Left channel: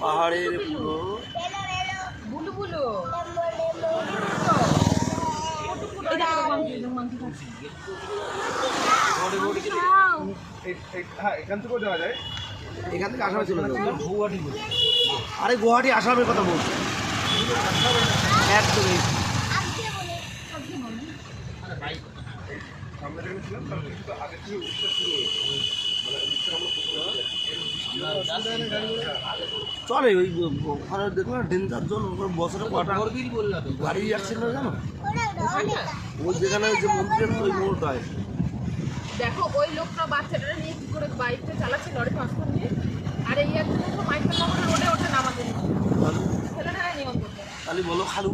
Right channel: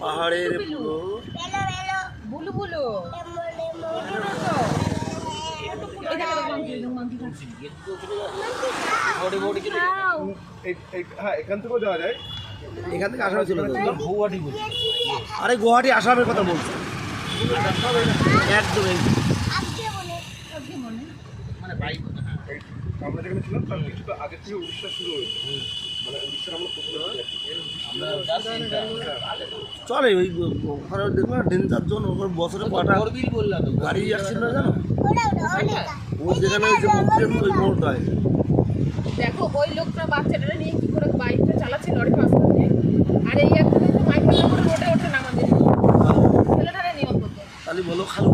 পাহাড়ের পুরো বুলুবুলু এখান থেকেও যাওয়া যায়, এখান থেকে আসামে চলে যাবে গুয়াহাটি। আরে গুয়াহাটি আসামের কথা বলছে একদম। আমরা যেখানে ছিলাম তার কিছু আগে থেকে উড়িষ্যা শুরু হয়েছে, মানে উড়িষ্যার আমরা চলে ওই ওখানে দেখলাম ডেঞ্জার জোন, ওখানে বছরে কটা গাড়ি অ্যাক্সিডেন্ট হয় জানো? ওই যেখানে ওই যে মন্দিরের ওই মোড়টায় দেখো ওই লোকটা বাচ্চাটা নিয়ে কি করে বাইকটা চালাচ্ছে লরির মাঝখানে, আর এই একটা লোক মাইকেল নাম্বার রোডে ওঠে নামাতে ছেলেটারে নিয়ম করতে। তাহলে বলো খালু,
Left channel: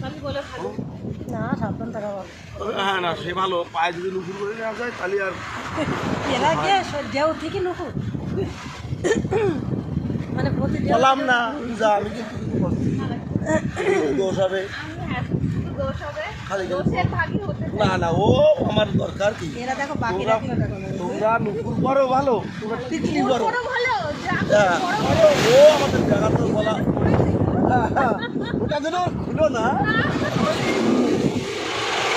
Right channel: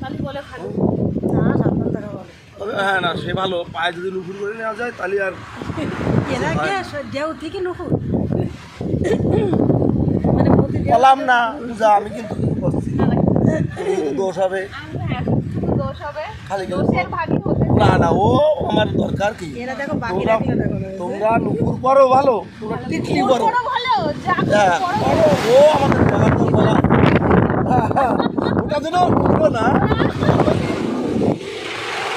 খালি বলে খালি না সাবধান থাকা ভালো। হ্যাঁ না সে ভালো, পায়ে যদি নুপুর করে নেওয়া যায় তাহলে আর এরা কে দেও থেকে নুপুর মানে বললাম না যা, আমি কিন্তু দোষ হবে দোষ হবে, খালি দোষের ভাগী হতে। না না ও আমার দরকার কি, এরা দেখো বাকিরা তোমরা নুপুর করো ভালো, তোমরা টিকলি করো বড় ভালো যা হ্যাঁ বড় করো, ও আমাদের জায়গার তো বলা ওটা যেন ছিল না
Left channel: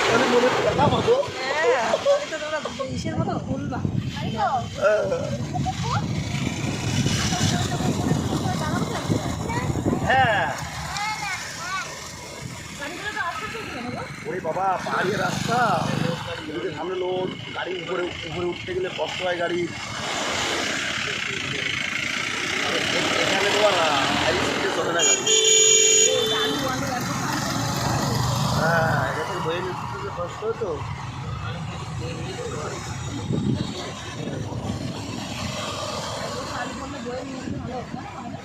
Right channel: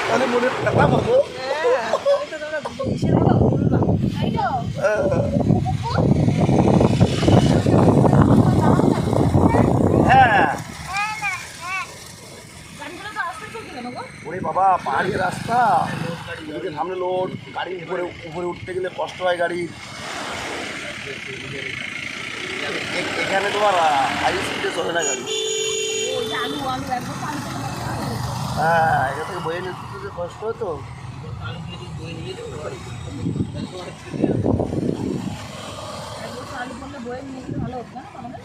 তাহলে মনে টাকা পাবো। তোমরা ইসের মতো ভুলবা। হ্যাঁ গাড়িগুলো তো আস্তে চলছে কেন গো? ওরে বাবা পাহাড়ের রাস্তা, এদিকে সামনে লোড, গাড়ির উপরে উপরে উঠতে গেলে কষ্ট হয় গাড়ির। এখানে তোমার হাই স্পিডে চলে না গাড়ি। আলু আলু একদম হ্যাঁ এটা থেকে বয়ে নিতে কষ্ট হতো। আলু বললে বয়ে নিয়ে ভালো হতো না আমাদের।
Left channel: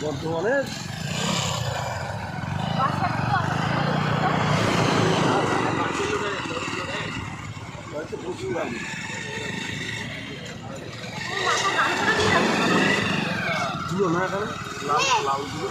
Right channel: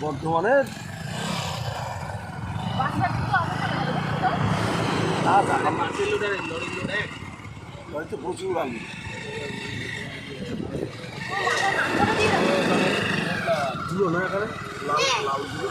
বর্ধমানের প্রচুর গাড়ি ছিল না এখানে, লাল লাল ছিল।